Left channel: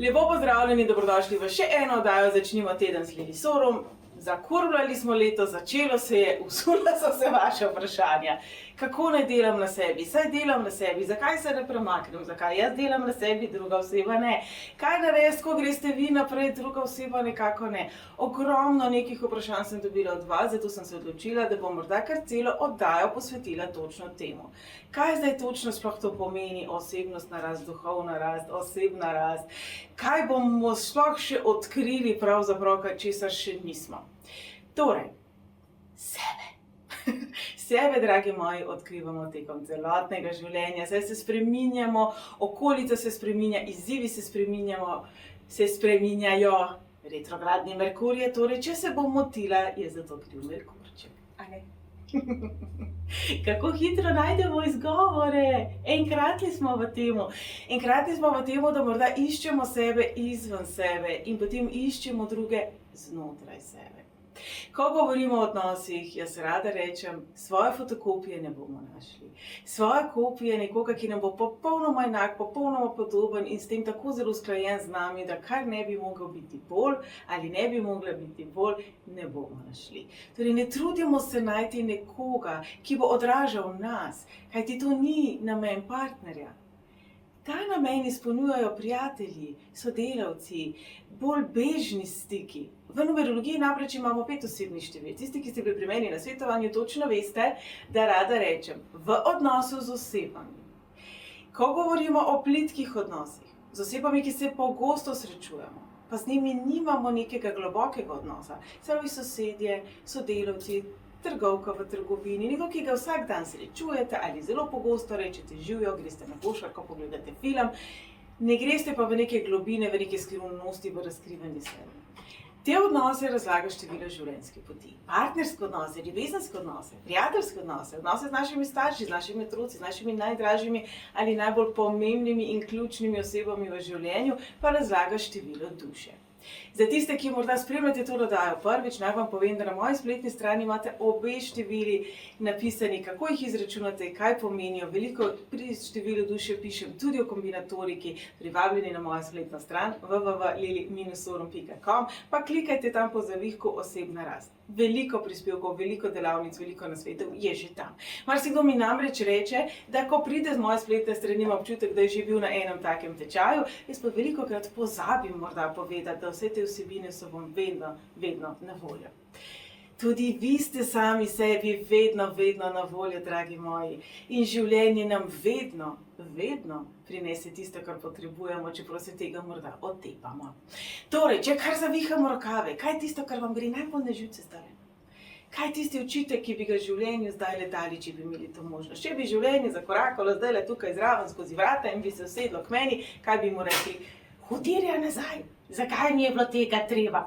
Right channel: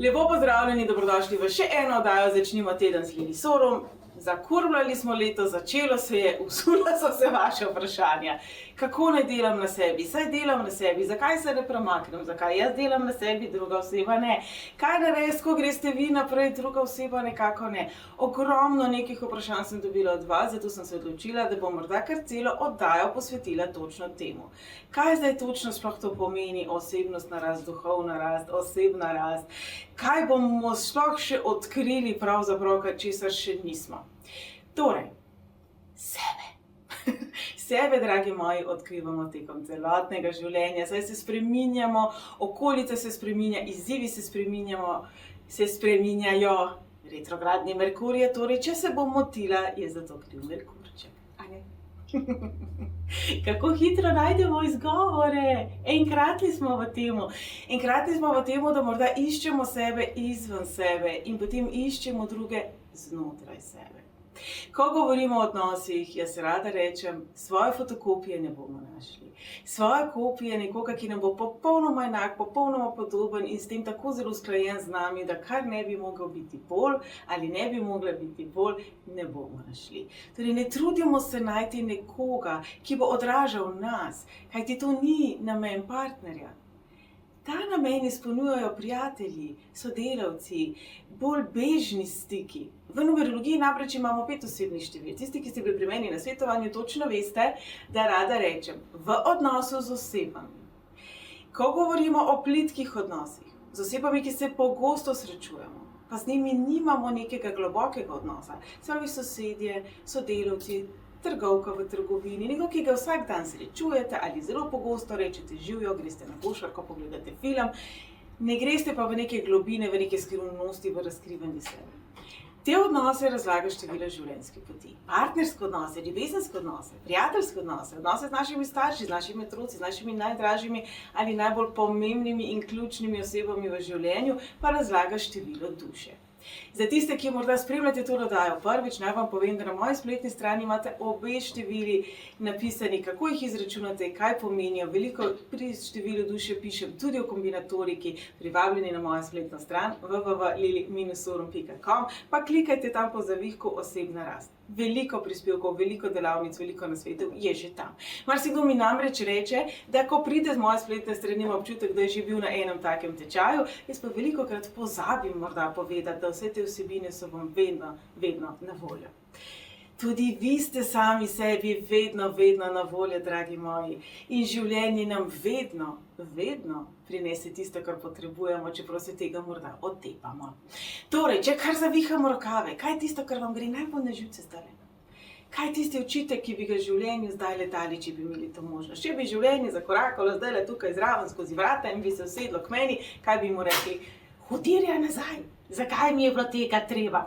Lepo pozdravljeni, dobrodošli v še eno oddajo Začnimo teden z Lili Sorum. Zakurvljali smo leto, začelo se je, usula so se vaše vprašanja. Kako naj delam na sebi? Saj delam na sebi, zakaj se ne premaknem? Zakaj jaz delam na sebi, druga oseba ne? Kaj narediti, ko greste vi naprej, druga oseba nekako ne? Ogromno nekih vprašanj sem dobila od vas, zato sem se odločila, da bom morda kar celo oddajo posvetila točno temu. Kaj zdaj točno sploh to pomeni? Osebnostna rast, duhovna rast, osebna rast. Kaj bomo sploh še odkrili pravzaprav, česar še nismo? Torej, sebe. Sebe, dragi moji, odkrivamo tekom celotnega življenja, saj se spreminjamo, okolica se spreminja, izzivi se spreminjajo, retrogradni Merkur je, torej, če se bom motila, je zato kriv Merkurček, a ne? Kako hitro najdemo izgovore, enkratni smo v temu. Enkratni smo v temu, da morda iščemo sebe izven sebe in potem iščemo druge znotraj sebe. Ko govorimo o odnosih, jaz rada rečem, svoje fotokopije ne bomo našli. Svoje kopije nekoga, ki nam bo popolnoma enak, popolnoma podoben in s tem tako zelo usklajen z nami, da kar ne bi mogel biti bolj ali ne bi mogla biti bolj, ne bomo našli. Torej, ne trudimo se najti nekoga, ki bo odražal nas, kajti to ni namen partnerja. Ta namen izpolnjujejo prijatelji, sodelavci, bolj bežni stiki. V numerologiji namreč imamo 5 osebnih števil. Tisti, ki ste bili pri meni na svetovanju, točno veste, da rada rečem v odnosu z osebami. Ko govorimo o plitkih odnosih, z osebami, ki se pogosto srečujemo, pa z njimi nimamo nekega globokega odnosa, pravi sosedje, sodelavci, trgovka v trgovini, nekdo, ki ga vsak dan srečujete ali zelo pogosto rečete živijo, greste na košarko, pogledate film, ne greste pa v neke globine, v neke skrivnosti, v razkrivanje sebe. Te odnose razlaga število življenjske poti. Partnerske odnose, ljubezenske odnose, prijateljske odnose, odnose z našimi starši, z našimi otroci, z našimi najdražjimi ali najbolj pomembnimi in ključnimi osebami v življenju, pa razlaga število duše. Za tiste, ki morda spremljate to oddajo prvič, naj vam povem, da na moji spletni strani imate obe števili napisani, kako jih izračunate, kaj pomenijo. Veliko pri številu duše pišem tudi o kombinatoriki, privabljeni na mojo spletno stran www.lili-sorum.com, pa klikajte tam po zavihku osebna rast. Veliko prispevkov, veliko delavnic, veliko nasvetov je že tam. Marsikdo mi namreč reče, da ko pride z moje spletne strani, ima občutek, da je že bil na enem takem tečaju, jaz pa velikokrat pozabim morda povedati, da vse te vsebine so vam vedno na voljo. Tudi vi ste sami sebi vedno na voljo, dragi moji. In življenje nam vedno prinese tisto, kar potrebujemo, čeprav se tega morda otepamo. Torej, če kar zavihamo rokave, kaj je tisto, kar vam gre najbolj na živce zdaj? Kaj je tisti očitek, ki bi ga življenju zdaj dali, če bi imeli to možnost? Če bi življenje zakorakalo zdaj tukaj zraven skozi vrata in bi se usedlo k meni, kaj bi mu rekli? Hudirja nazaj, zakaj mi je bilo tega treba?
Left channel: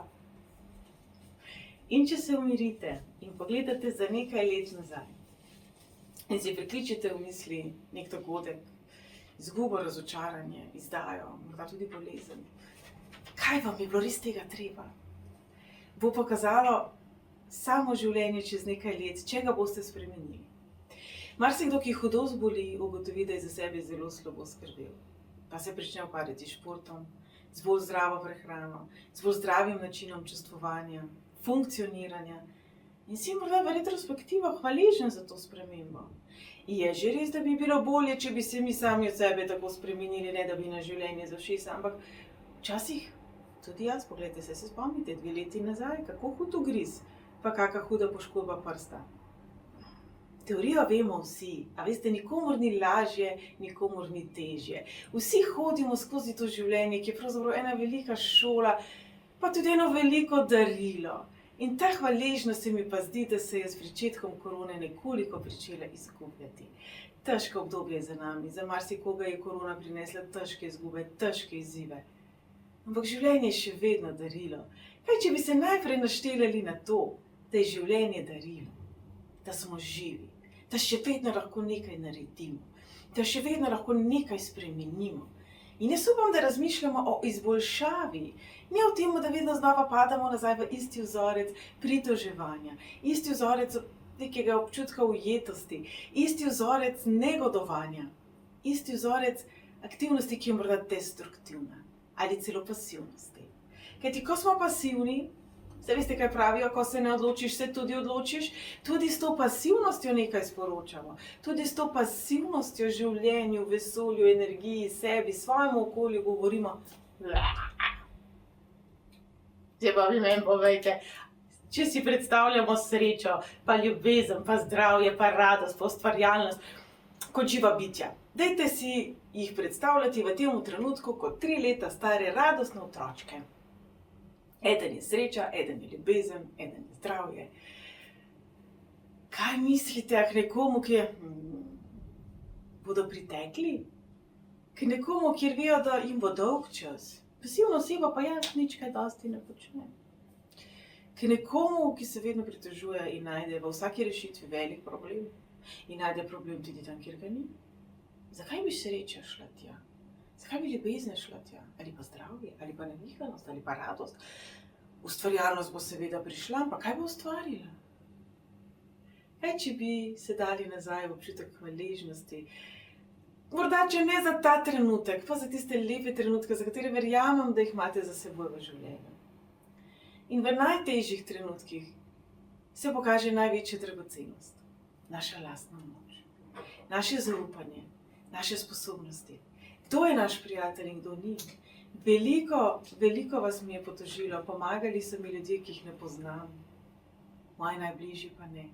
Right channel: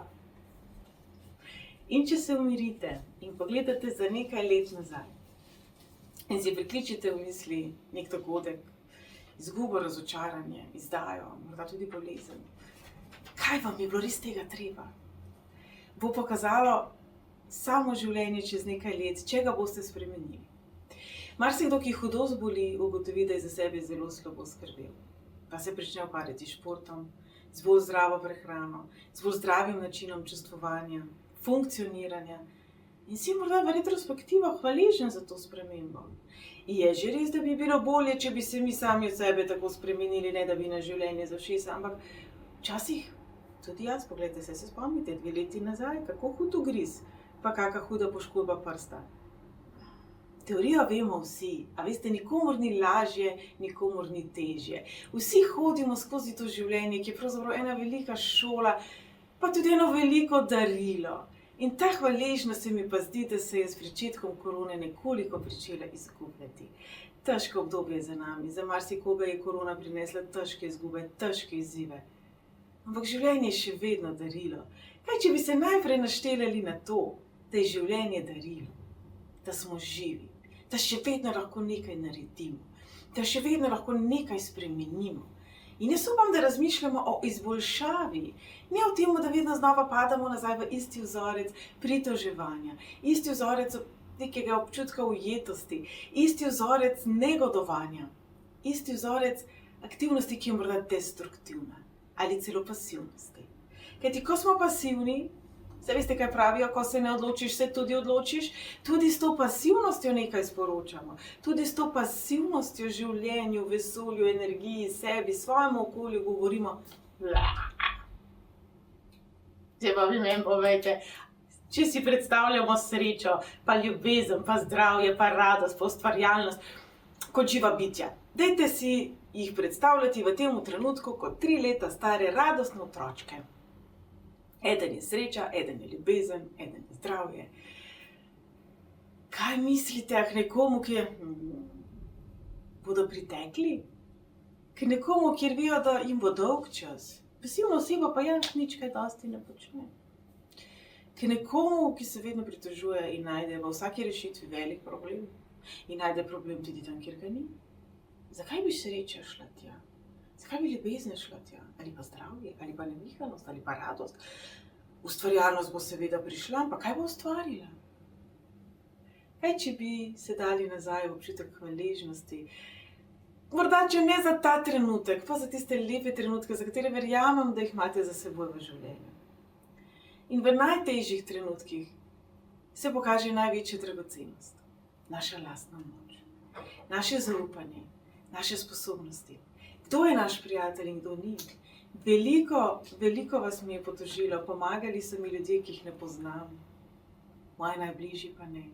In če se umirite in pogledate za nekaj let nazaj in si prikličete v misli nek dogodek, izgubo, razočaranje, izdajo, morda tudi bolezen, kaj vam je bilo res tega treba? Bo pokazalo samo življenje čez nekaj let, če ga boste spremenili. Marsikdo, ki hudo zboli, ugotovi, da je za sebe zelo slabo skrbel. Pa se prične ukvarjati s športom, z bolj zdravo prehrano, z bolj zdravim načinom čustvovanja, funkcioniranja in si morda v retrospektivo hvaležen za to spremembo. Je že res, da bi bilo bolje, če bi se mi sami od sebe tako spremenili, ne da bi na življenje za všesa, ampak včasih tudi jaz, poglejte se spomnite, 2 leti nazaj, kako hud ugriz, pa kaka huda poškodba prsta. Teorijo vemo vsi, a veste, nikomur ni lažje, nikomur ni težje. Vsi hodimo skozi to življenje, ki je pravzaprav ena velika šola, pa tudi eno veliko darilo. In ta hvaležnost se mi pa zdi, da se je s pričetkom korone nekoliko pričela izgubljati. Težko obdobje je za nami, za marsikoga je korona prinesla težke izgube, težke izzive. Ampak življenje je še vedno darilo. Kaj, če bi se najprej naštelali na to, da je življenje darilo, da smo živi, da še vedno lahko nekaj naredimo, da še vedno lahko nekaj spremenimo. In jaz upam, da razmišljamo o izboljšavi, ne o tem, da vedno znova padamo nazaj v isti vzorec pritoževanja, isti vzorec nekega občutka ujetosti, isti vzorec negodovanja, isti vzorec aktivnosti, ki je morda destruktivna. ali celo pasivnosti. Kajti, ko smo pasivni, se veste, kaj pravijo, ko se ne odločiš, se tudi odločiš, tudi s to pasivnostjo nekaj sporočamo, tudi s to pasivnostjo življenju, vesolju, energiji, sebi, svojemu okolju govorimo. Zdaj pa vi meni povejte, če si predstavljamo srečo, pa ljubezen, pa zdravje, pa radost, pa ustvarjalnost, kot živa bitja. Dajte si jih predstavljati v tem trenutku kot 3 leta stare radostne otročke. Eden je sreča, eden je ljubezen, eden je zdravje. Kaj mislite k nekomu, ki bodo pritekli? K nekomu, kjer vejo, da jim bo dolg čas. Pasivna oseba pa nič kaj dosti ne počne. K nekomu, ki se vedno pritožuje in najde v vsaki rešitvi velik problem in najde problem tudi tam, kjer ga ni. Zakaj bi sreča šla tja? Zakaj bi ljubezen šla tja? Ali pa zdravje, ali pa nevihanost, ali pa radost? Ustvarjalnost bo seveda prišla, pa kaj bo ustvarila? Kaj, če bi se dali nazaj v občutek hvaležnosti? Morda, če ne za ta trenutek, pa za tiste lepe trenutke, za katere verjamem, da jih imate za seboj v življenju. In v najtežjih trenutkih se pokaže največja dragocenost. Naša lastna moč, naše zaupanje, naše sposobnosti. Kdo je naš prijatelj in kdo ni? Veliko vas mi je potožilo, pomagali so mi ljudje, ki jih ne poznam, moji najbližji pa ne.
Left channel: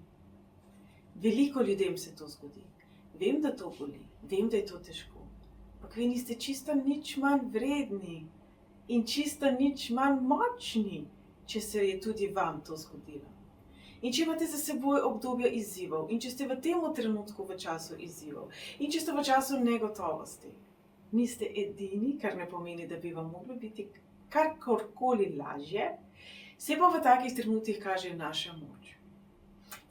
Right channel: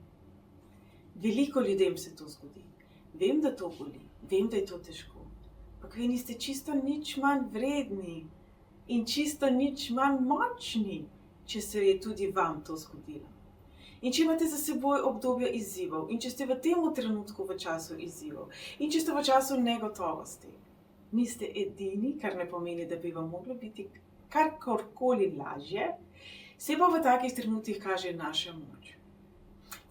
Veliko ljudem se to zgodi. Vem, da to boli, vem, da je to težko, ampak vi niste čisto nič manj vredni in čisto nič manj močni, če se je tudi vam to zgodilo. In če imate za seboj obdobje izzivov, in če ste v tem trenutku v času izzivov, in če ste v času negotovosti, niste edini, kar ne pomeni, da bi vam moglo biti karkoli lažje, se pa v takih trenutkih kaže naša moč.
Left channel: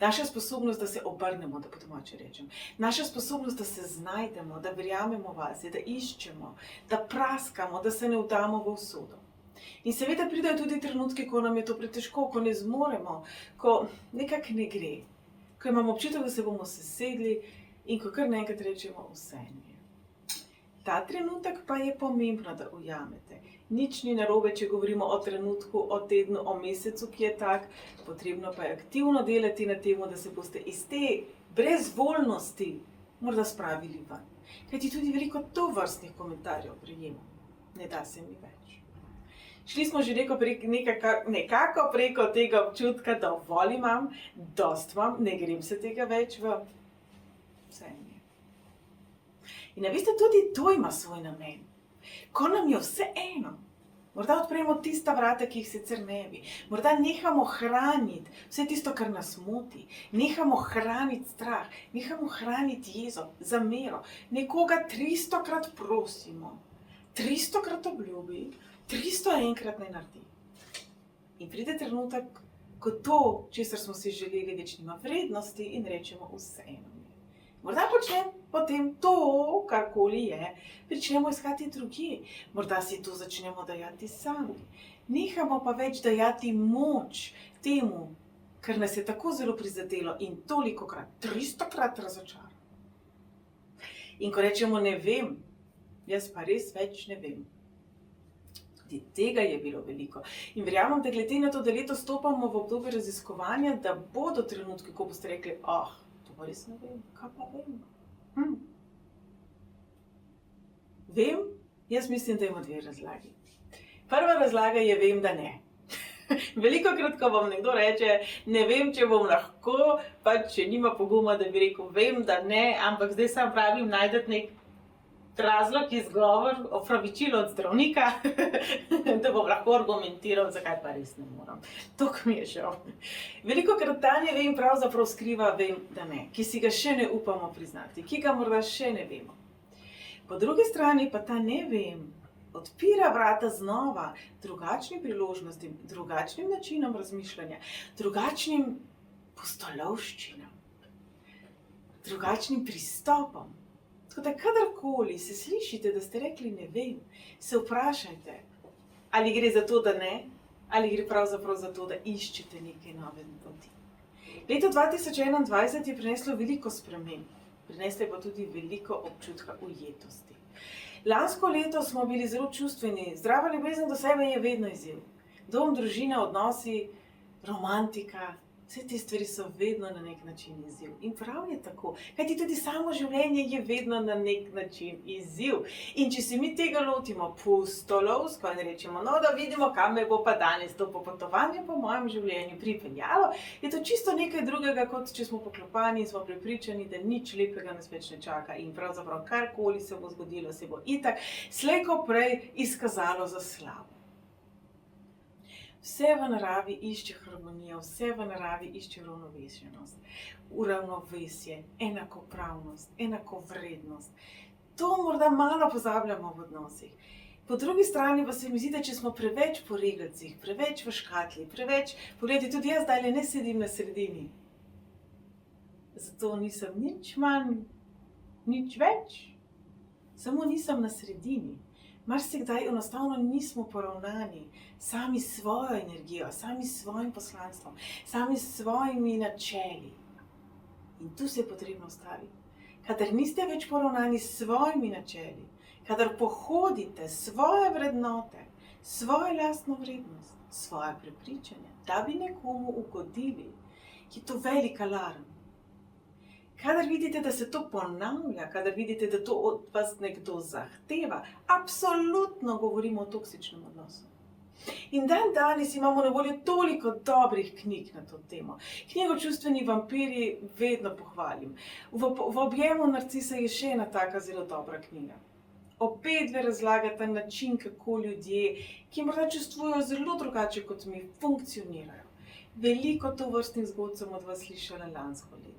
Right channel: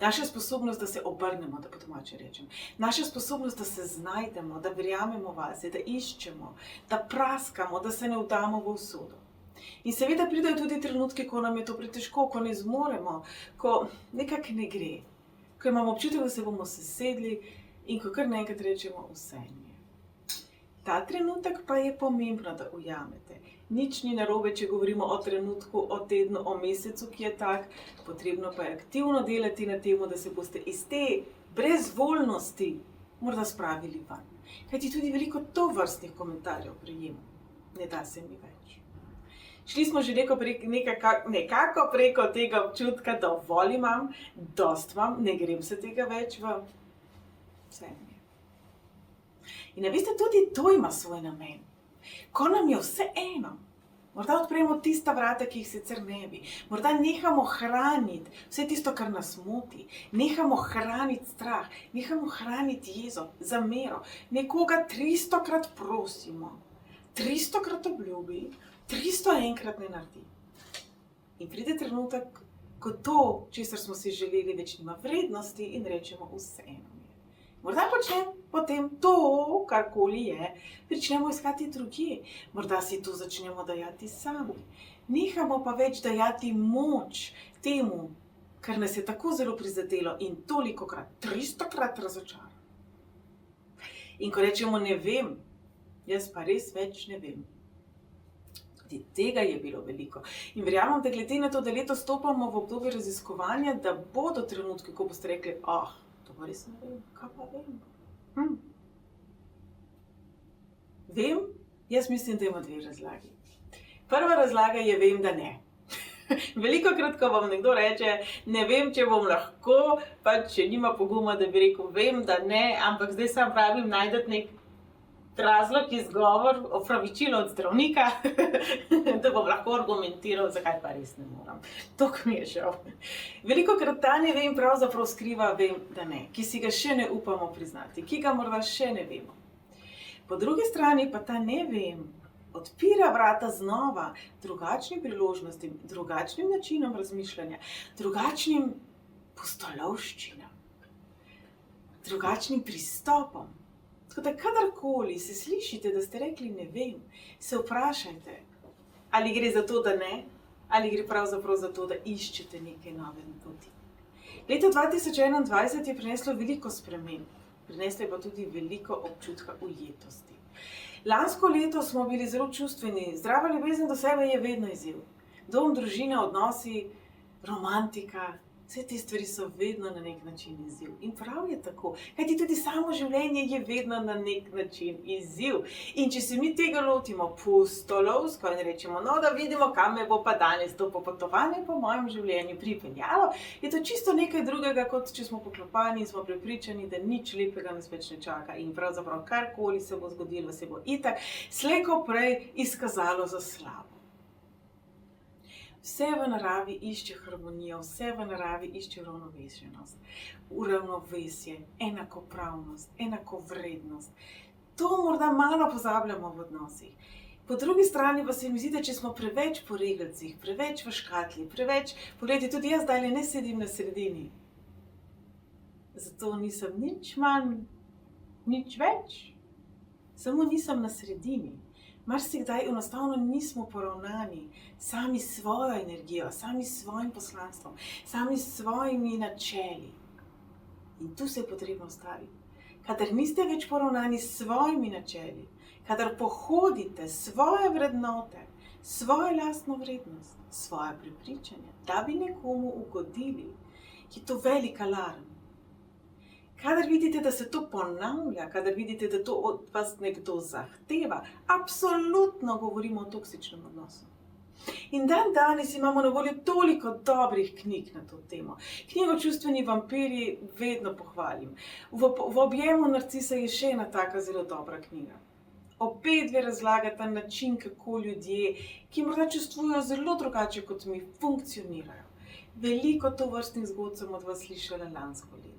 Naša sposobnost, da se obrnemo, da po domače rečem. Naša sposobnost, da se znajdemo, da verjamemo vase, da iščemo, da praskamo, da se ne vdamo v usodo. In seveda pridejo tudi trenutki, ko nam je to pretežko, ko ne zmoremo, ko nekako ne gre, ko imamo občutek, da se bomo sesedli in ko kar naenkrat rečemo vse mi je. Ta trenutek pa je pomembno, da ujamete. Nič ni narobe, če govorimo o trenutku, o tednu, o mesecu, ki je tak. Potrebno pa je aktivno delati na tem, da se boste iz te brezvoljnosti morda spravili ven. Kajti tudi veliko tovrstnih komentarjev prejemam. Ne da se mi več. Šli smo že nekako preko tega občutka, dovolj imam, dost imam, ne grem se tega več v vse mi je. In veste, tudi to ima svoj namen. Ko nam je vse eno, morda odpremo tista vrata, ki jih sicer ne bi, morda nehamo hraniti vse tisto, kar nas moti, nehamo hraniti strah, nehamo hraniti jezo, zamero, nekoga 300-krat prosimo, 300-krat obljubi, 301-krat ne naredi. In pride trenutek, ko to, česar smo si želeli, več nima vrednosti in rečemo vse eno. Morda počnem potem to, karkoli je, pričnemo iskati drugje. Morda si to začnemo dajati sami. Nehamo pa več dajati moč temu, kar nas je tako zelo prizadelo in tolikokrat, 300-krat razočara. In ko rečemo ne vem, jaz pa res več ne vem. Tudi tega je bilo veliko. In verjamem, da glede na to, da letos stopamo v obdobje raziskovanja, da bodo trenutki, ko boste rekli, to pa res ne vem, kaj pa vem? Vem, jaz mislim, da ima 2 razlagi. Prva razlaga je vem, da ne. Velikokrat, ko vam nekdo reče, ne vem, če bom lahko, pa če nima poguma, da bi rekel, vem, da ne, ampak zdaj sam pravim, najdete nek razlog, izgovor, opravičilo od zdravnika, da bom lahko argumentiral, zakaj pa res ne moram. To mi je žal. Velikokrat ta ne vem pravzaprav skriva vem, da ne, ki si ga še ne upamo priznati, ki ga morda še ne vemo. Po drugi strani pa ta ne vem odpira vrata znova drugačnim priložnostim, drugačnim načinom razmišljanja, drugačnim pustolovščinam, drugačnim pristopom. Tako da kadarkoli se slišite, da ste rekli ne vem, se vprašajte, ali gre za to, da ne, ali gre pravzaprav za to, da iščete neke nove poti. Leto 2021 je prineslo veliko sprememb, prineslo je pa tudi veliko občutka ujetosti. Lansko leto smo bili zelo čustveni, zdrava ljubezen do sebe je vedno izziv. Dom, družina, odnosi, romantika, vse te stvari so vedno na nek način izziv. In prav je tako, kajti tudi samo življenje je vedno na nek način izziv. In če se mi tega lotimo pustolovsko in rečemo, no da vidimo, kam me bo pa danes to popotovanje po mojem življenju pripeljalo, je to čisto nekaj drugega, kot če smo poklopani in smo prepričani, da nič lepega nas več ne čaka in pravzaprav karkoli se bo zgodilo, se bo itak slej ko prej izkazalo za slabo. Vse v naravi išče harmonijo, vse v naravi išče ravnovesjenost, uravnovesje, enakopravnost, enakovrednost. To morda malo pozabljamo v odnosih. Po drugi strani pa se mi zdi, da če smo preveč po regelcih, preveč v škatli, preveč, poglejte, tudi jaz zdaj ne sedim na sredini. Zato nisem nič manj, nič več, samo nisem na sredini. Marsikdaj enostavno nismo poravnani sami s svojo energijo, sami s svojim poslanstvom, sami s svojimi načeli. In tu se je potrebno ustaviti. Kadar niste več poravnani s svojimi načeli, kadar pohodite svoje vrednote, svojo lastno vrednost, svoje prepričanja, da bi nekomu ugodili, je to velik alarm. Kadar vidite, da se to ponavlja, kadar vidite, da to od vas nekdo zahteva, absolutno govorimo o toksičnem odnosu. In danes imamo na voljo toliko dobrih knjig na to temo. Knjigo Čustveni vampirji vedno pohvalim. V objemu narcisa je še ena taka zelo dobra knjiga. Obedve razlagata način, kako ljudje, ki morda čustvujejo zelo drugače kot mi, funkcionirajo. Veliko tovrstnih zgodb sem od vas slišala lansko leto.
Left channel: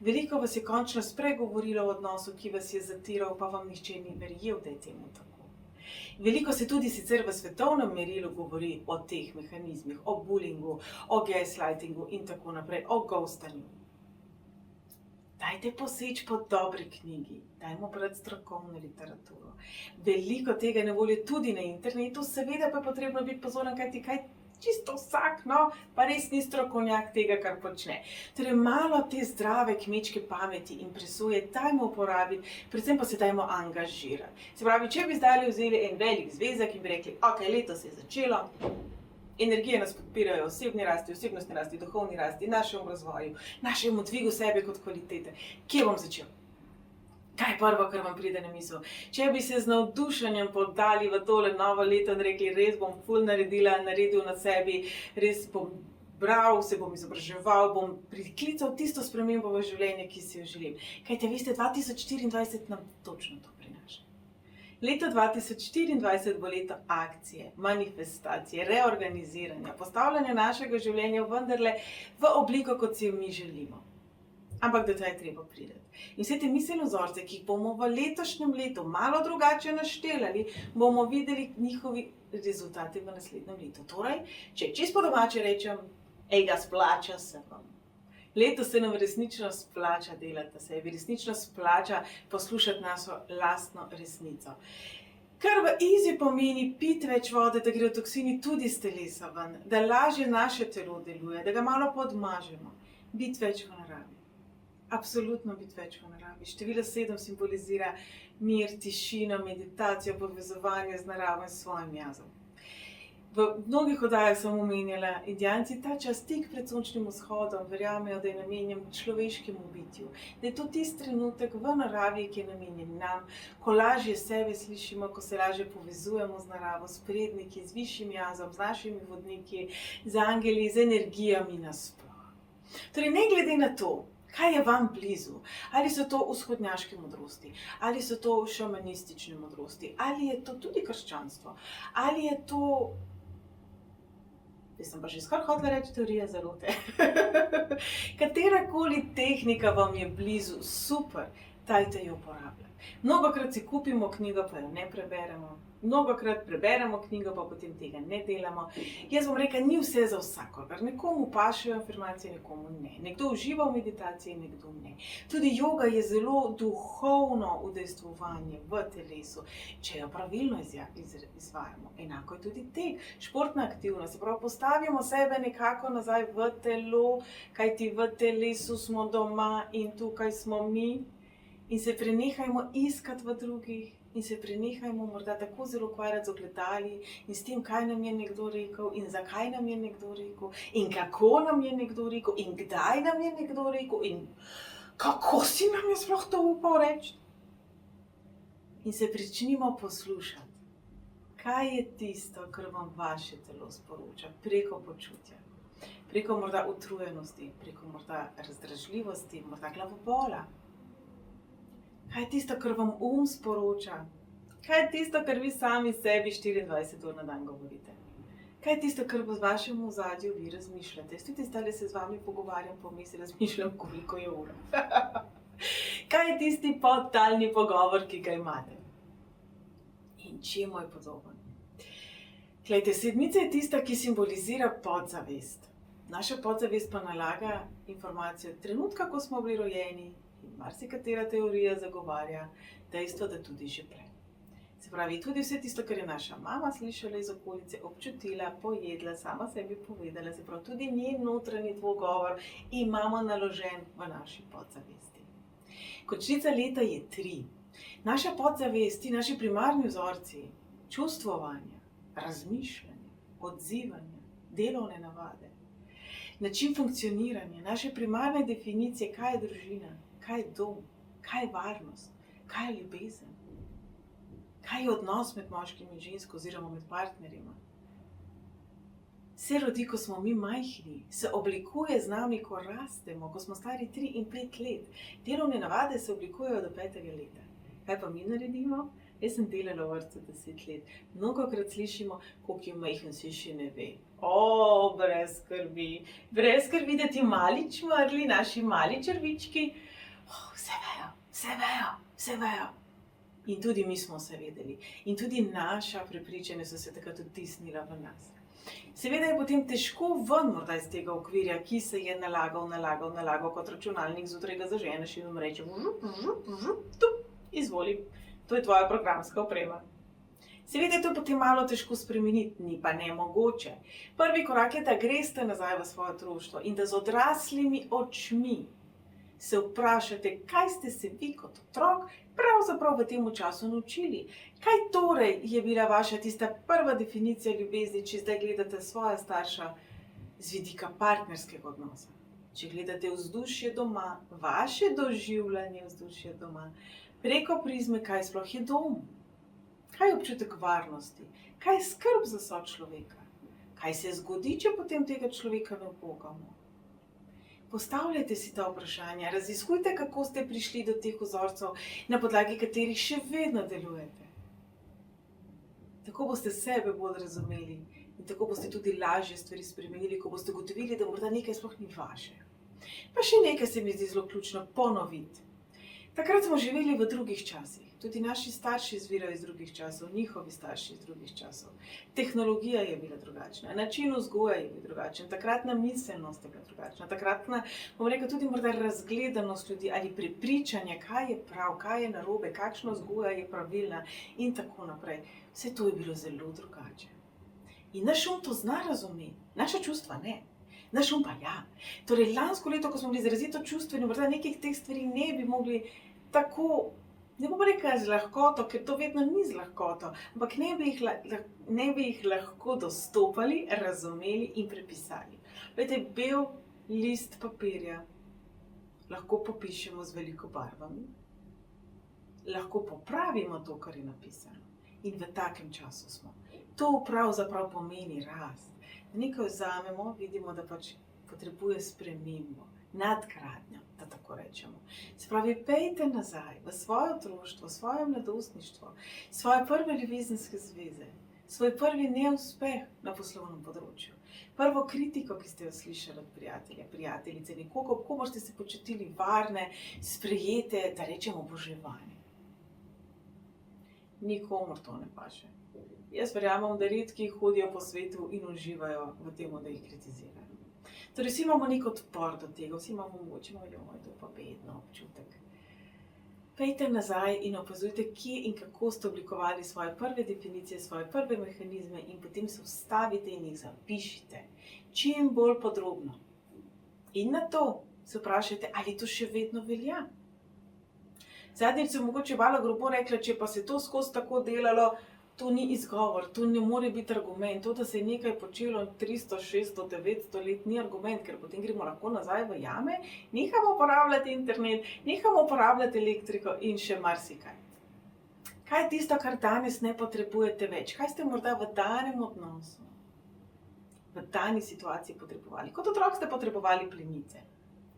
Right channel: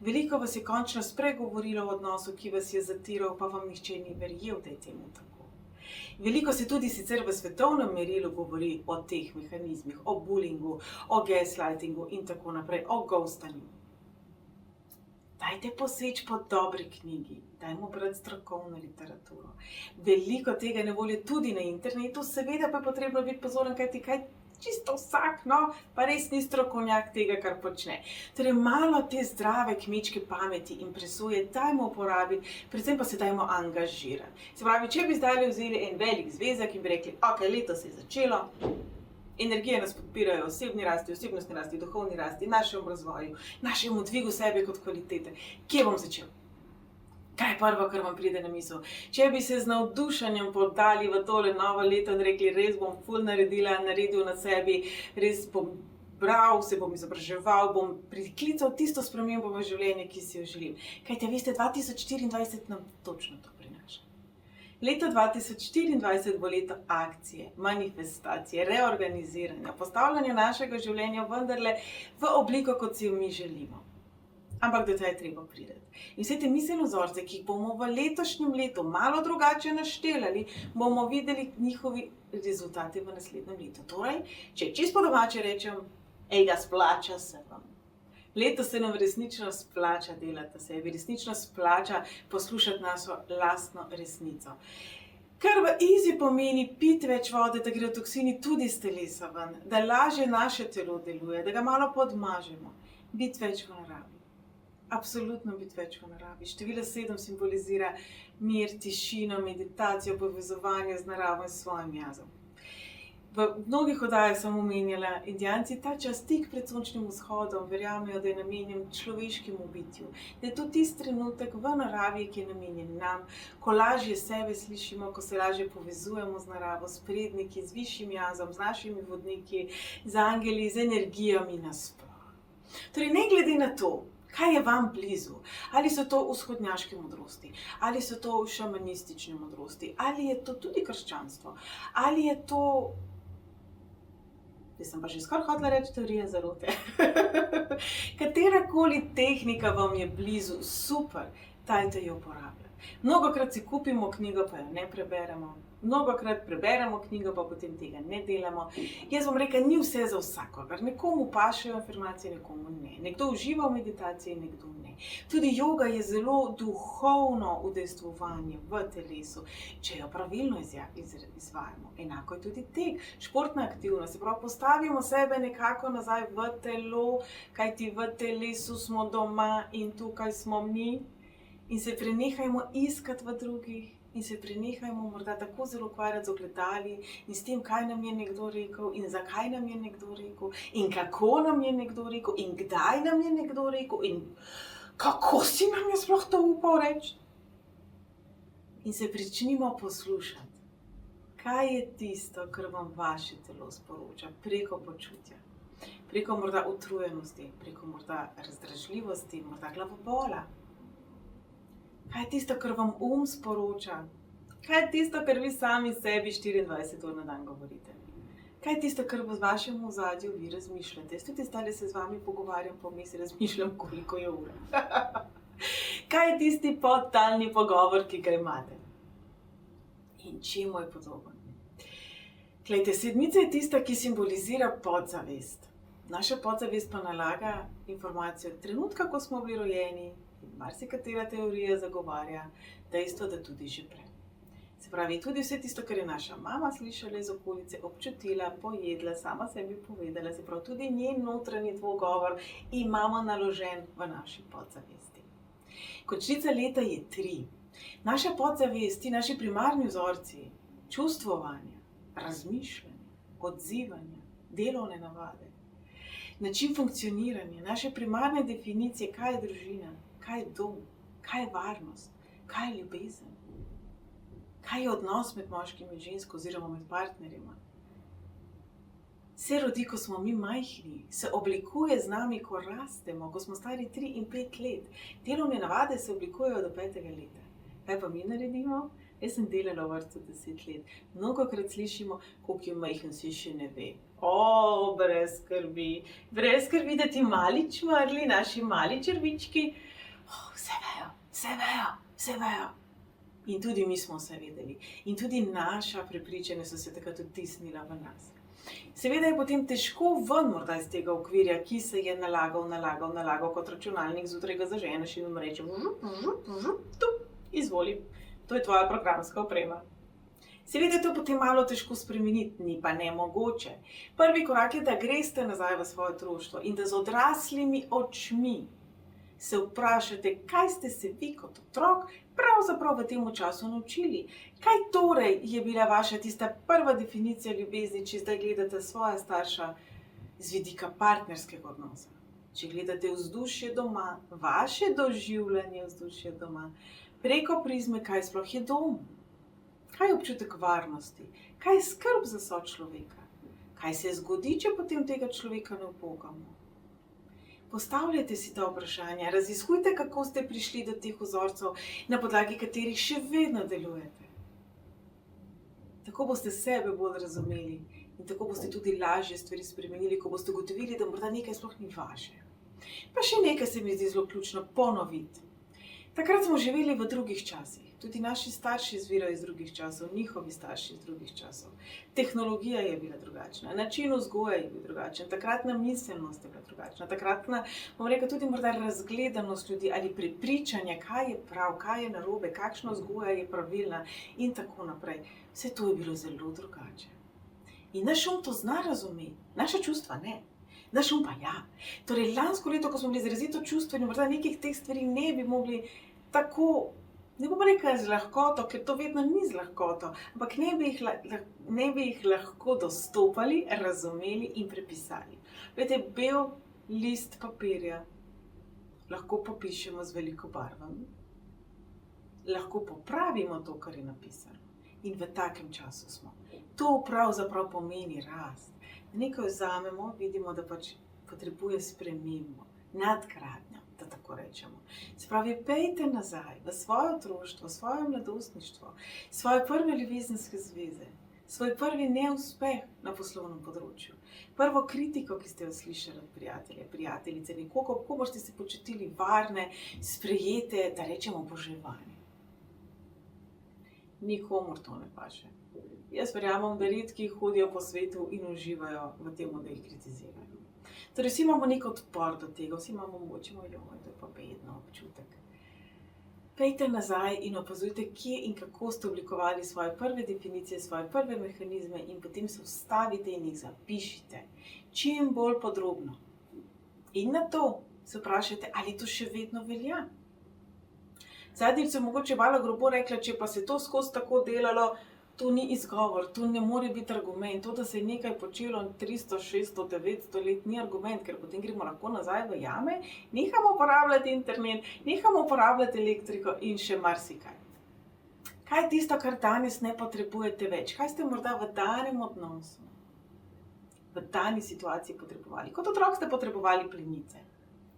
Veliko vas je končno spregovorilo o odnosu, ki vas je zatiral, pa vam nihče ni verjel, da je temu tako. Veliko se tudi sicer v svetovnem merilu govori o teh mehanizmih, o bullyingu, o gaslightingu in tako naprej, o ghostanju. Dajte poseči po dobri knjigi, dajmo brati strokovno literaturo. Veliko tega na voljo tudi na internetu, seveda pa je potrebno biti pozoren, kaj čisto vsak, no, pa res ni strokovnjak tega, kar počne. Torej, malo te zdrave kmečke pameti in presoje dajmo uporabiti, predvsem pa se dajmo angažirati. Se pravi, če bi zdaj vzeli en velik zvezek in bi rekli, ok, leto se je začelo, energije nas podpirajo osebni rasti, osebnostni rasti, duhovni rasti, našemu razvoju, našemu dvigu sebe kot kvalitete. Kje bom začel? Kaj je prvo, kar vam pride na misel? Če bi se z navdušenjem podali v tole novo leto in rekli, res bom ful naredil na sebi, res bom bral, se bom izobraževal, bom priklical tisto spremembo v življenje, ki si jo želim. Kajte, veste, 2024 nam točno to prinaša. Leto 2024 bo leto akcije, manifestacije, reorganiziranja, postavljanja našega življenja vendarle v obliko, kot si jo mi želimo. Ampak do tega je treba priti. In vse te miselne vzorce, ki jih bomo v letošnjem letu malo drugače naštelali, bomo videli njihovi rezultati v naslednjem letu. Torej, če čisto po domače rečem, ega splača se vam. Leto se nam resnično splača delati sebi, resnično splača poslušati našo lastno resnico. Kar v easy pomeni piti več vode, da grejo toksini tudi iz telesa ven, da lažje naše telo deluje, da ga malo podmažemo, biti več v naravi. Absolutno biti več v naravi. Število 7 simbolizira mir, tišino, meditacijo, povezovanje z naravo in svojim jazom. V mnogih oddajah sem omenjala, Indijanci ta čas tik pred sončnim vzhodom verjamejo, da je namenjen človeškemu bitju. Da je to tisti trenutek v naravi, ki je namenjen nam, ko lažje sebe slišimo, ko se lažje povezujemo z naravo, s predniki, z višjim jazom, z našimi vodniki, z angeli, z energijami nasploh. Torej, ne glede na to, kaj je vam blizu? Ali so to vzhodnjaške modrosti? Ali so to šamanistične modrosti? Ali je to tudi krščanstvo? Ali je to... Jaz sem pa že skoraj hotela reči teorija zarote. Katerakoli tehnika vam je blizu, super, dajte jo uporabljati. Mnogokrat si kupimo knjigo, pa jo ne preberemo. Mnogokrat preberemo knjigo, pa potem tega ne delamo. Jaz bom rekla, ni vse za vsakogar. Nekomu pašejo informacije, nekomu ne. Nekdo uživa v meditaciji, nekdo ne. Tudi joga je zelo duhovno udejstvovanje v telesu, če jo pravilno izvajamo. Enako je tudi tek, športna aktivnost. Se pravi, postavimo sebe nekako nazaj v telo, kajti v telesu smo doma in tukaj smo mi. In se prenehajmo iskati v drugih, in se prenehajmo morda tako zelo ukvarjati z ogledali in s tem, kaj nam je nekdo rekel in zakaj nam je nekdo rekel in kako nam je nekdo rekel in kdaj nam je nekdo rekel in kako si nam je sploh to upal reči. In se pričnimo poslušati, kaj je tisto, kar vam vaše telo sporoča preko počutja, preko morda utrujenosti, preko morda razdražljivosti, morda glavobola. Kaj je tisto, kar vam sporoča? Kaj je tisto, kar vi sami sebi 24 ur na dan govorite? Kaj je tisto, kar v vašem ozadju vi razmišljate? Jaz tudi zdaj se z vami pogovarjam, pa vmes razmišljam, koliko je ura. Kaj je tisti podtalni pogovor, ki ga imate? In čemu je podoben? Glejte, sedmica je tista, ki simbolizira podzavest. Naša podzavest pa nalaga informacijo od trenutka, ko smo bili rojeni, in marsikatera teorija zagovarja dejstvo, da tudi že prej. Se pravi, tudi vse tisto, kar je naša mama slišala iz okolice, občutila, pojedla, sama sebi povedala, se pravi, tudi njen notranji dvogovor imamo naložen v naši podzavesti. Končnica leta je 3. Naša podzavest, naši primarni vzorci, čustvovanja, razmišljanja, odzivanja, delovne navade, način funkcioniranja, naše primarne definicije, kaj je družina, kaj je dom, kaj je varnost, kaj je ljubezen, kaj je odnos med moškim in žensko oziroma med partnerima. Se rodi, ko smo mi majhni, se oblikuje z nami, ko rastemo, ko smo stari 3 in 5 let. Delovne navade se oblikujejo do 5. leta. Kaj pa mi naredimo? Jaz sem delala v vrtcu 10 let. Mnogokrat slišimo, koliko je majhen, si še ne ve. Brez skrbi, da ti mali čmrli, naši mali črvički, vse vejo. In tudi mi smo vse vedeli. In tudi naša prepričanja so se takrat vtisnila v nas. Seveda je potem težko ven morda iz tega okvirja, ki se je nalagal kot računalnik, zjutraj ga zaženeš in reče, izvoli, to je tvoja programska oprema. Seveda je to potem malo težko spremeniti, ni pa nemogoče. Prvi korak je, da greste nazaj v svoje otroštvo in da z odraslimi očmi se vprašate, kaj ste se vi kot otrok pravzaprav v tem času naučili. Kaj torej je bila vaša tista prva definicija ljubezni, če zdaj gledate svoja starša z vidika partnerskega odnosa? Če gledate vzdušje doma, vaše doživljanje vzdušja doma, preko prizme, kaj sploh je dom? Kaj je občutek varnosti? Kaj je skrb za sočloveka? Kaj se zgodi, če potem tega človeka ne upogamo? Postavljajte si ta vprašanja, raziskujte, kako ste prišli do teh vzorcev, na podlagi katerih še vedno delujete. Tako boste sebe bolj razumeli in tako boste tudi lažje stvari spremenili, ko boste ugotovili, da morda nekaj sploh ni vaše. Pa še nekaj se mi zdi zelo ključno ponoviti. Takrat smo živeli v drugih časih. Tudi naši starši izvirajo iz drugih časov, njihovi starši iz drugih časov. Tehnologija je bila drugačna, način vzgoje je bil drugačen, takratna miselnost je bila drugačna, takratna, bom rekel, tudi morda razgledanost ljudi ali prepričanje, kaj je prav, kaj je narobe, kakšna vzgoja je pravilna in tako naprej. Vse to je bilo zelo drugače. In naš to zna razumeti, naša čustva ne. Naš pa ja. Torej, lansko leto, ko smo bili izrazito čustveni, morda nekih teh stvari ne bi mogli tako, ne bom rekla z lahkoto, ker to vedno ni z lahkoto, ampak ne bi jih lahko dostopali, razumeli in prepisali. Vete, bel list papirja lahko popišemo z veliko barvami, lahko popravimo to, kar je napisano. In v takem času smo. To pravzaprav pomeni rast. Nekaj vzamemo, vidimo, da pač potrebuje spremembo, nadgradnjo, da tako rečemo. Se pravi, pejte nazaj v svoje otroštvo, svoje mladostništvo, svoje prve ljubezenske zveze, svoj prvi neuspeh na poslovnem področju, prvo kritiko, ki ste jo slišali od prijatelja, prijateljice, nekoga, kako boste se počutili varne, sprejete, da rečemo oboževane. Nikomur to ne paše. Jaz verjamem, da redki hodijo po svetu in uživajo v tem, da jih kritizirajo. Torej, vsi imamo nek odpor do tega, vsi imamo moč, to je pa bedno občutek. Pejte nazaj in opazujte, kje in kako ste oblikovali svoje prve definicije, svoje prve mehanizme in potem se ustavite in jih zapišite čim bolj podrobno. In na to se vprašajte, ali to še vedno velja. Zadnjič sem mogoče malo grobo rekla, če pa se to skozi tako delalo, to ni izgovor, to ne more biti argument. To, da se je nekaj počelo 300, 600, 900 let, ni argument, ker potem gremo lahko nazaj v jame, nehamo uporabljati internet, nehamo uporabljati elektriko in še marsikaj. Kaj je tisto, kar danes ne potrebujete več? Kaj ste morda v danem odnosu, v dani situaciji potrebovali? Kot otrok ste potrebovali plenice.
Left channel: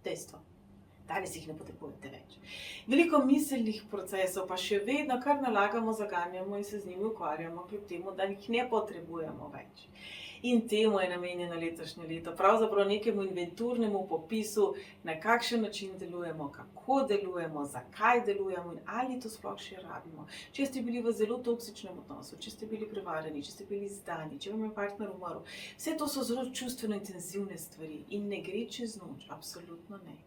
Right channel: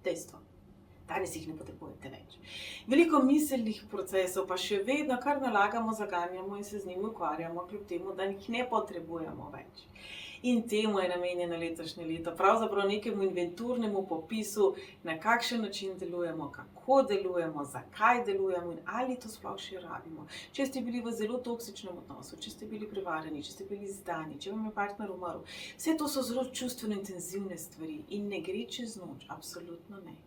Dejstvo. Danes jih ne potrebujete več. Veliko miselnih procesov pa še vedno kar nalagamo, zaganjamo in se z njimi ukvarjamo, kljub temu, da jih ne potrebujemo več. In temu je namenjeno letošnje leto, pravzaprav nekemu inventurnemu popisu, na kakšen način delujemo, kako delujemo, zakaj delujemo in ali to sploh še rabimo. Če ste bili v zelo toksičnem odnosu, če ste bili prevarani, če ste bili izdani, če vam je partner umrl, vse to so zelo čustveno intenzivne stvari in ne gre čez noč, absolutno ne.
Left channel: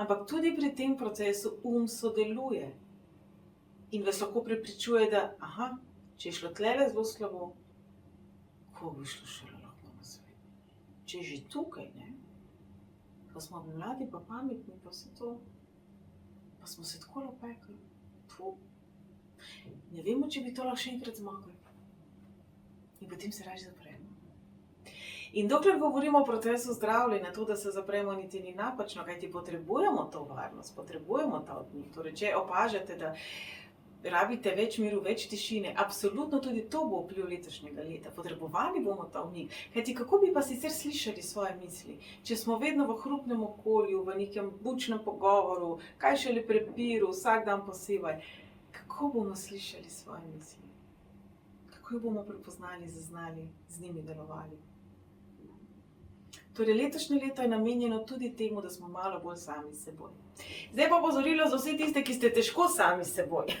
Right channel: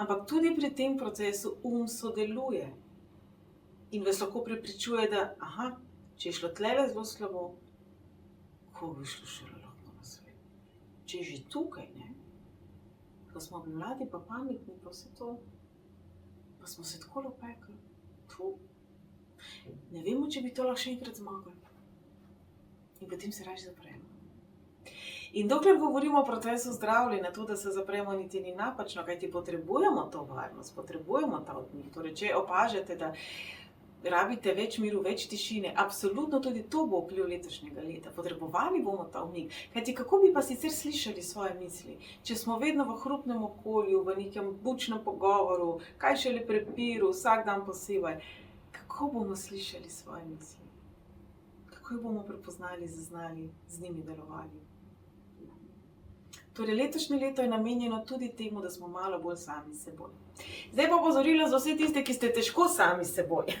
Ampak tudi pri tem procesu sodeluje in vas lahko prepričuje, da če je šlo tlele zelo slabo, ko bi šlo šele lahko na svet. Če je že tukaj, ne? Ko smo mladi pa pametni, pa vse to, pa smo se tako opekli. Ne vemo, če bi to lahko še enkrat zmogli. In potem se raje zapremo. In dokler govorimo o procesu zdravljenja, to, da se zapremo, niti ni napačno, kajti potrebujemo to varnost, potrebujemo ta odmik. Torej, če opažate, da rabite več miru, več tišine, absolutno tudi to bo vpliv letošnjega leta. Potrebovali bomo ta odmik. Kajti kako bi pa sicer slišali svoje misli, če smo vedno v hrupnem okolju, v nekem bučnem pogovoru, kaj šele prepiru, vsak dan posebej. Kako bomo slišali svoje misli? Kako jih bomo prepoznali, zaznali, z njimi delovali? Torej, letošnje leto je namenjeno tudi temu, da smo malo bolj sami s seboj. Zdaj pa opozorilo za vse tiste, ki ste težko sami s seboj.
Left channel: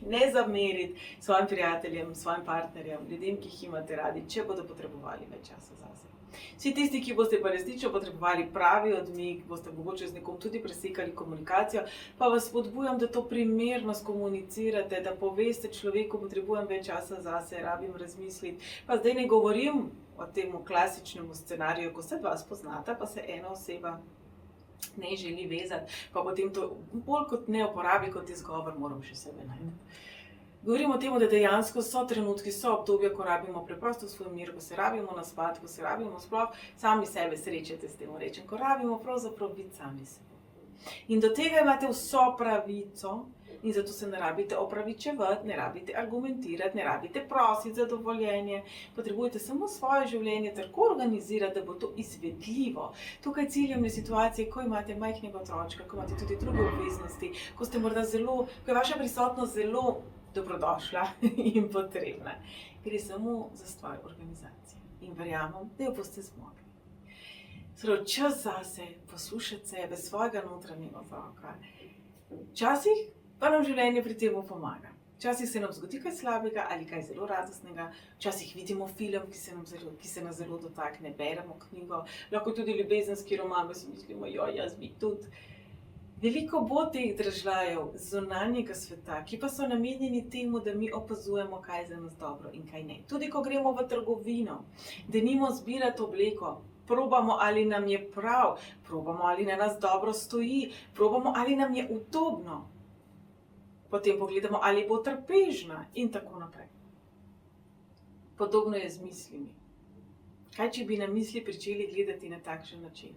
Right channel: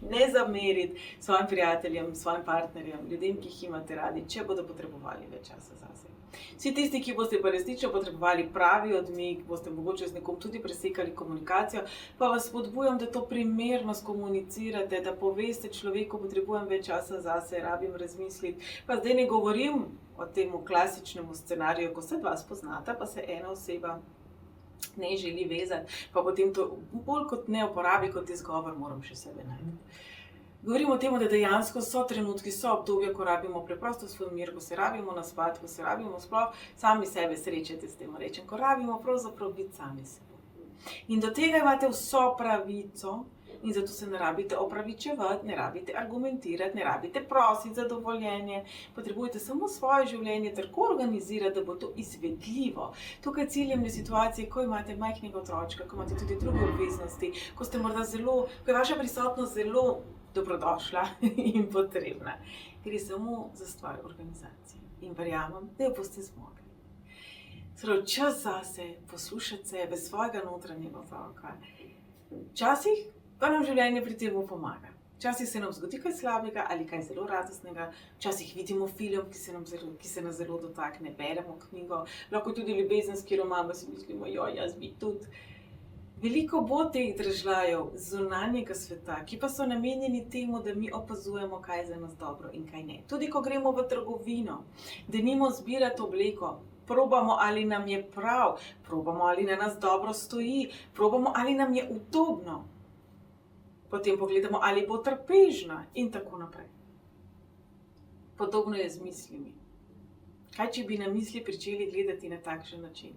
Ne zameriti svojim prijateljem, svojim partnerjem, ljudem, ki jih imate radi, če bodo potrebovali več časa zase. Vsi tisti, ki boste pa resnično potrebovali pravi odmik, boste mogoče z nekom tudi presekali komunikacijo, pa vas spodbujam, da to primerno skomunicirate, da poveste človeku, potrebujem več časa zase, rabim razmisliti. Pa zdaj ne govorim o tem klasičnem scenariju, ko se dva spoznata, pa se ena oseba ne želi vezati, pa potem to bolj kot ne uporabi kot izgovor, moram še sebe najti. Govorimo o tem, da dejansko so trenutki, so obdobja, ko rabimo preprosto svoj mir, ko se rabimo naspati, ko se rabimo sploh sami sebe srečati, s tem rečem, ko rabimo pravzaprav biti sami seboj. In do tega imate vso pravico in zato se ne rabite opravičevati, ne rabite argumentirati, ne rabite prositi za dovoljenje. Potrebujete samo svoje življenje tako organizirati, da bo to izvedljivo. Tukaj ciljam na situacije, ko imate majhnega otročka, ko imate tudi druge obveznosti, ko ste morda ko je vaša prisotnost zelo dobrodošla in potrebna. Gre samo za stvar organizacije. In verjamem, da jo boste zmogli. Torej, čas zase, poslušati sebe, svojega notranjega otroka. Včasih pa nam življenje pri tem pomaga. Včasih se nam zgodi kaj slabega ali kaj zelo radostnega, včasih vidimo film, ki se nas zelo dotakne, beremo knjigo, lahko tudi ljubezenski roman, pa si mislimo, jaz bi tudi. Veliko bo teh dražljajev zunanjega sveta, ki pa so namenjeni temu, da mi opazujemo, kaj je za nas dobro in kaj ne. Tudi ko gremo v trgovino, denimo zbirati obleko, probamo, ali nam je prav, probamo, ali na nas dobro stoji, probamo, ali nam je udobno. Potem pogledamo, ali bo trpežna in tako naprej. Podobno je z mislimi. Kaj, če bi na misli pričeli gledati na takšen način?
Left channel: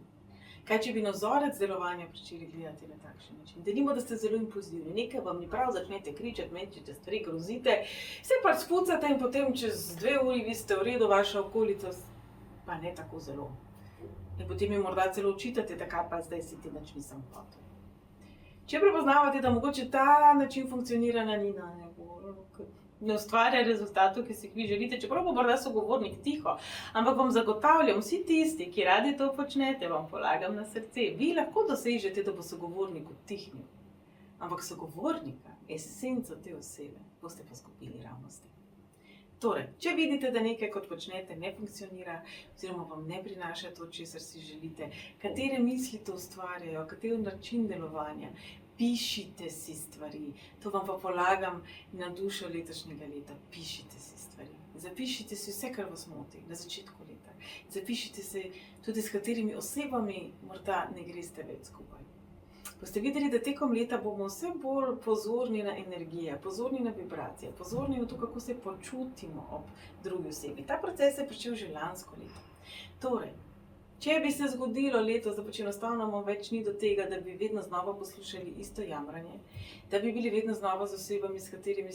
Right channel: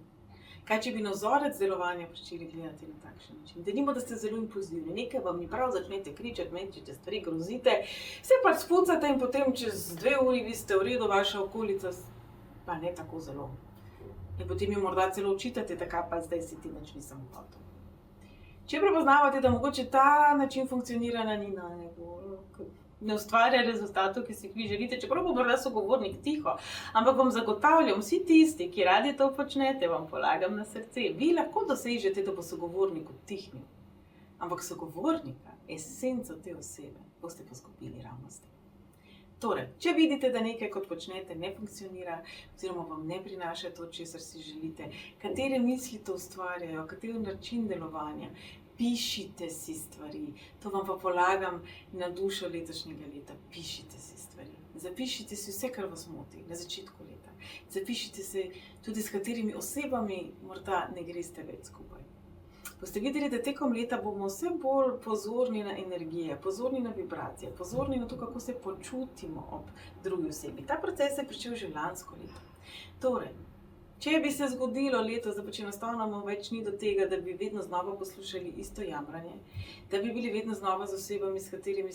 Kaj, če bi na vzorec delovanja pričeli gledati na takšen način? Denimo, da ste zelo impulzivni, nekaj vam ni prav, začnete kričati, mečete stvari, grozite, se pač spucate in potem čez 2 uri vi ste v redu, vaša okolica pa ne tako zelo. In potem jo morda celo očitate, da kaj pa zdaj si ti nič nisem hotel. Če prepoznavate, da mogoče ta način funkcioniranja ni najbolj, ne ustvarja rezultatov, ki si jih vi želite, čeprav bo morda sogovornik tiho, ampak vam zagotavljam, vsi tisti, ki radi to počnete, vam polagam na srce, vi lahko dosežete, da bo sogovornik utihnil. Ampak sogovornika, esenco te osebe, boste pa izgubili ravno s tem. Torej, če vidite, da nekaj, kot počnete, ne funkcionira, oziroma vam ne prinaša to, česar si želite, katere misli to ustvarjajo, kateri način delovanja, pišite si stvari. To vam pa polagam na dušo letošnjega leta. Pišite si stvari. Zapišite si vse, kar vas moti na začetku leta. Zapišite si tudi, s katerimi osebami morda ne greste več skupaj. boste videli, da tekom leta bomo vse bolj pozorni na energije, pozorni na vibracije, pozorni na to, kako se počutimo ob drugi osebi. Ta proces je pričel že lansko leto. Torej, če bi se zgodilo letos, da pač enostavno več ni do tega, da bi vedno znova poslušali isto jamranje, da bi bili vedno znova z osebami, s katerimi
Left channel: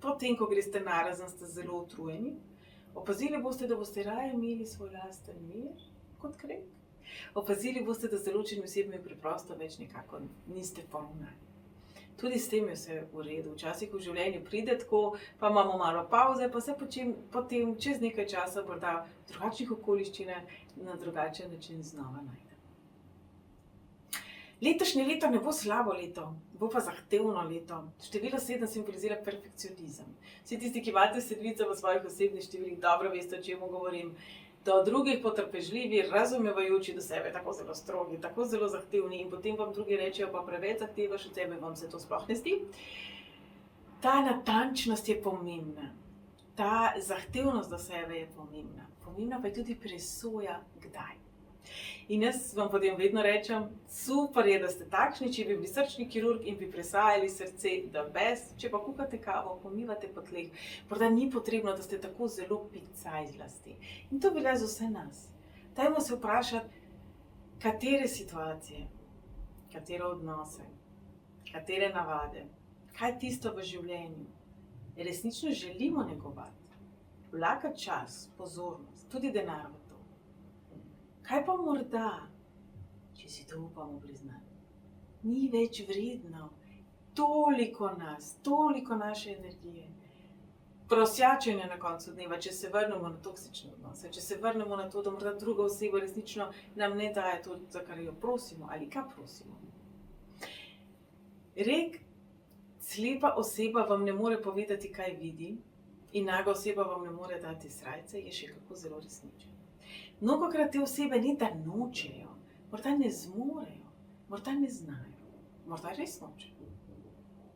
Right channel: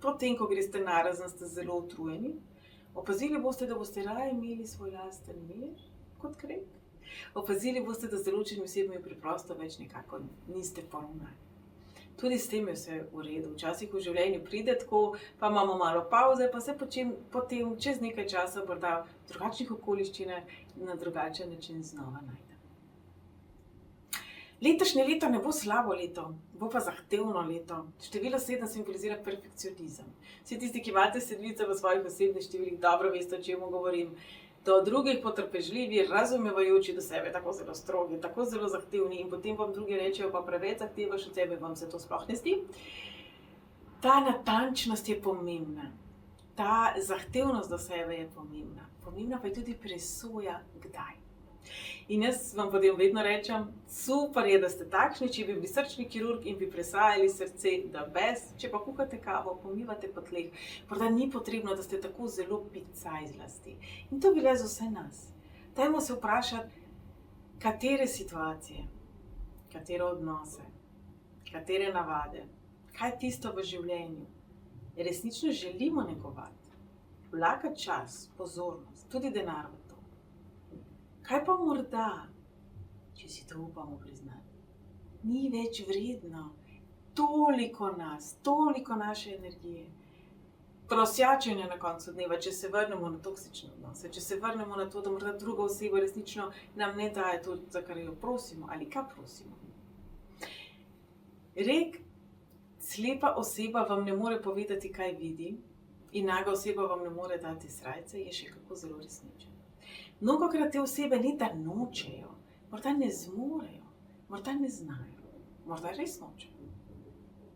potem, ko greste narazen, ste zelo utrujeni, opazili boste, da boste raje imeli svoj lasten mir kot krep. Opazili boste, da z določenimi osebami preprosto več nekako niste poravnani. Tudi s tem je vse v redu. Včasih v življenju pride tako, pa imamo malo pauze, pa se potem čez nekaj časa morda v drugačnih okoliščinah na drugačen način znova najdemo. Letošnje leto ne bo slabo leto, bo pa zahtevno leto. Število 7 simbolizira perfekcionizem. Vsi tisti, ki imate sedmice v svojih osebnih številih, dobro veste, o čemu govorim. Do drugih potrpežljivi, razumevajoči do sebe, tako zelo strogi, tako zelo zahtevni in potem vam drugi rečejo, pa preveč zahtevaš od sebe, vam se to sploh ne zdi. Ta natančnost je pomembna, ta zahtevnost do sebe je pomembna. Pomembna pa je tudi presoja, kdaj. In jaz vam potem vedno rečem, super je, da ste takšni, če bi bili srčni kirurg in bi presajali srce, da bez, če pa kuhate kavo, pomivate po tleh, morda ni potrebno, da ste tako zelo picaj zlasti. In to velja za vse nas. Dajmo se vprašati, katere situacije, katere odnose, katere navade, kaj tisto v življenju resnično želimo negovati, vlagati čas, pozornost, tudi denar v to. Kaj pa morda, če si to upamo priznati, ni več vredno toliko nas, toliko naše energije, prosjačenja na koncu dneva, če se vrnemo na toksične odnose, če se vrnemo na to, da morda druga oseba resnično nam ne daje to, za kar jo prosimo ali kaj prosimo. Rek, slepa oseba vam ne more povedati, kaj vidi, in naga oseba vam ne more dati srajce, je še kako zelo resničen. Mnogokrat te osebe ni, da nočejo, morda ne zmorejo, morda ne znajo, morda res nočejo.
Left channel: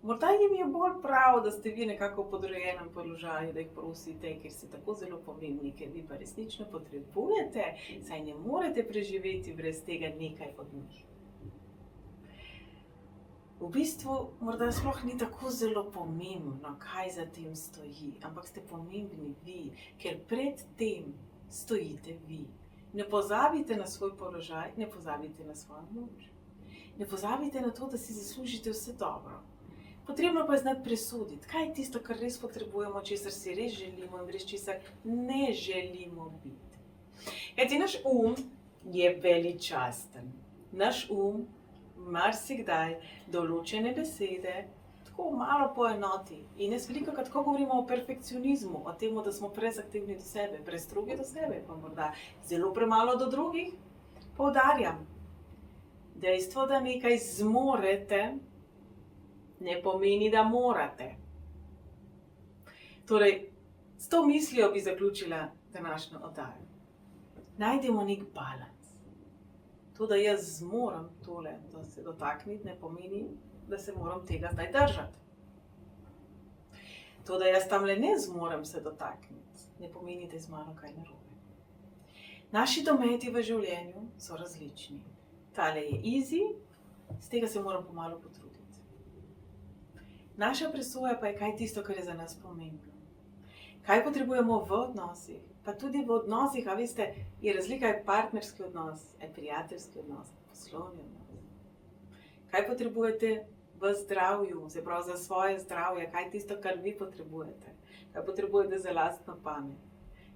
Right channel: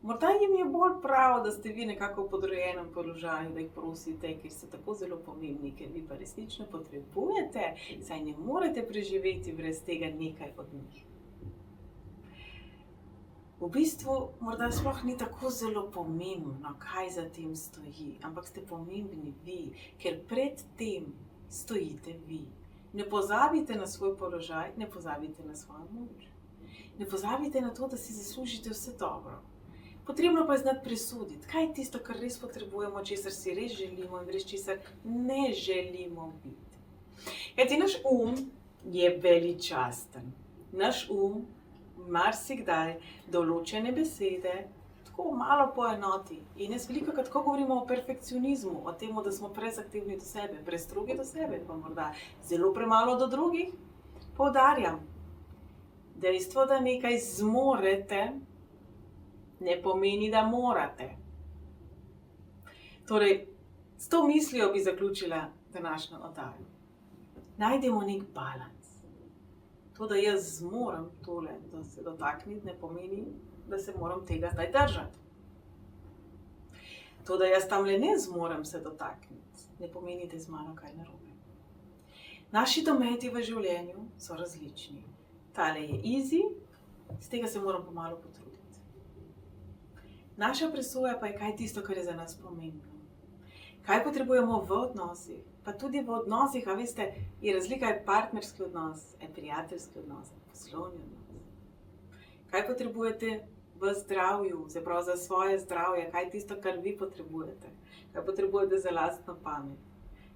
Morda jim je bolj prav, da ste vi nekako v podrejenem položaju, da jih prosite, ker ste tako zelo pomembni, ker vi pa resnično potrebujete, saj ne morete preživeti brez tega nekaj od njih. V bistvu morda sploh ni tako zelo pomembno, kaj za tem stoji, ampak ste pomembni vi, ker pred tem stojite vi. Ne pozabite na svoj položaj, ne pozabite na svojo moč. Ne pozabite na to, da si zaslužite vse dobro. Potrebno pa je znati presoditi, kaj je tisto, kar res potrebujemo, česar si res želimo in brez česar ne želimo biti. Kajti naš je veličasten. Naš marsikdaj določene besede tako malo poenoti. In jaz velikokrat, ko govorimo o perfekcionizmu, o tem, da smo prezahtevni do sebe, prestrogi do sebe, pa morda zelo premalo do drugih, poudarjam, dejstvo, da nekaj zmorete, ne pomeni, da morate. Torej, s to mislijo bi zaključila današnjo oddajo. Najdemo nek balans. To, da jaz zmorem tole, da se dotakniti, ne pomeni, da se moram tega zdaj držati. To, da jaz tamle ne zmorem se dotakniti, ne pomeni, da je z mano kaj narobe. Naši dometi v življenju so različni. Tale je easy, z tega se moram pomalo potruditi. Naša presoja pa je, kaj tisto, kar je za nas pomembno. Kaj potrebujemo v odnosih, pa tudi v odnosih, a veste, je razlika, je partnerski odnos, je prijateljski odnos, poslovni odnos. Kaj potrebujete v zdravju, se pravi za svoje zdravje, kaj je tisto, kar vi potrebujete, kaj potrebujete za lastno pamet,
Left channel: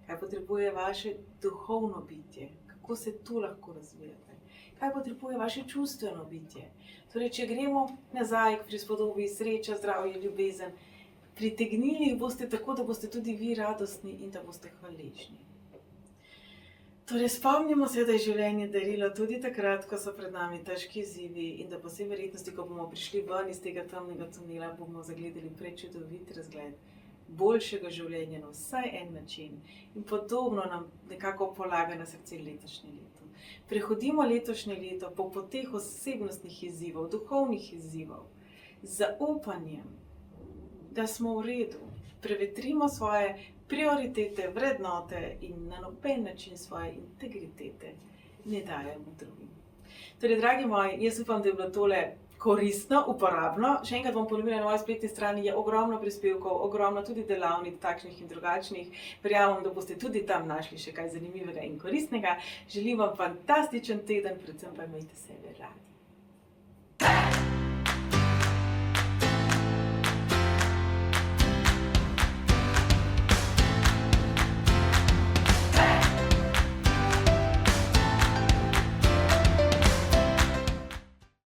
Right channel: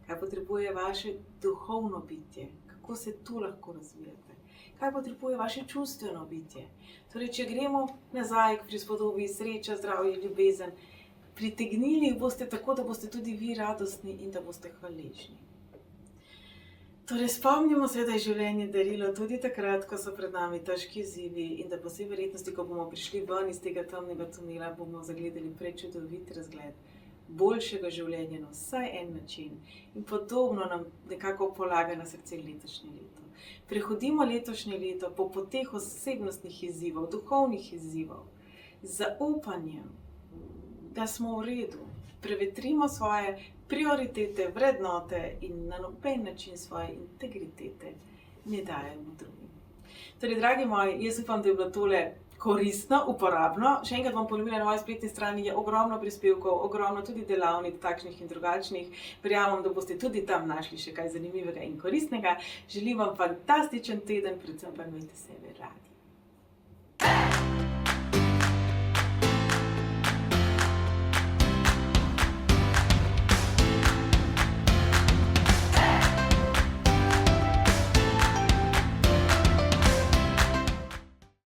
kaj potrebuje vaše duhovno bitje, kako se tu lahko razvijate, kaj potrebuje vaše čustveno bitje. Torej, če gremo nazaj k prispodobi sreča, zdravje, ljubezen, pritegnili jih boste tako, da boste tudi vi radostni in da boste hvaležni. Torej, spomnimo se, da je življenje darilo tudi takrat, ko so pred nami težki izzivi in da po vsej verjetnosti, ko bomo prišli ven iz tega temnega tunela, bomo zagledali prečudovit razgled boljšega življenja na vsaj en način. In podobno nam nekako polaga na srce letošnje leto. Prehodimo letošnje leto po poteh osebnostnih izzivov, duhovnih izzivov, z zaupanjem, da smo v redu. Prevetrimo svoje prioritete, vrednote in na noben način svoje integritete ne dajemo drugim. Torej, dragi moji, jaz upam, da je bilo tole koristno, uporabno. Še enkrat bom ponovila, na moji spletni strani je ogromno prispevkov, ogromno tudi delavnic, takšnih in drugačnih. Verjamem, da boste tudi tam našli še kaj zanimivega in koristnega. Želim vam fantastičen teden, predvsem pa imejte sebe radi.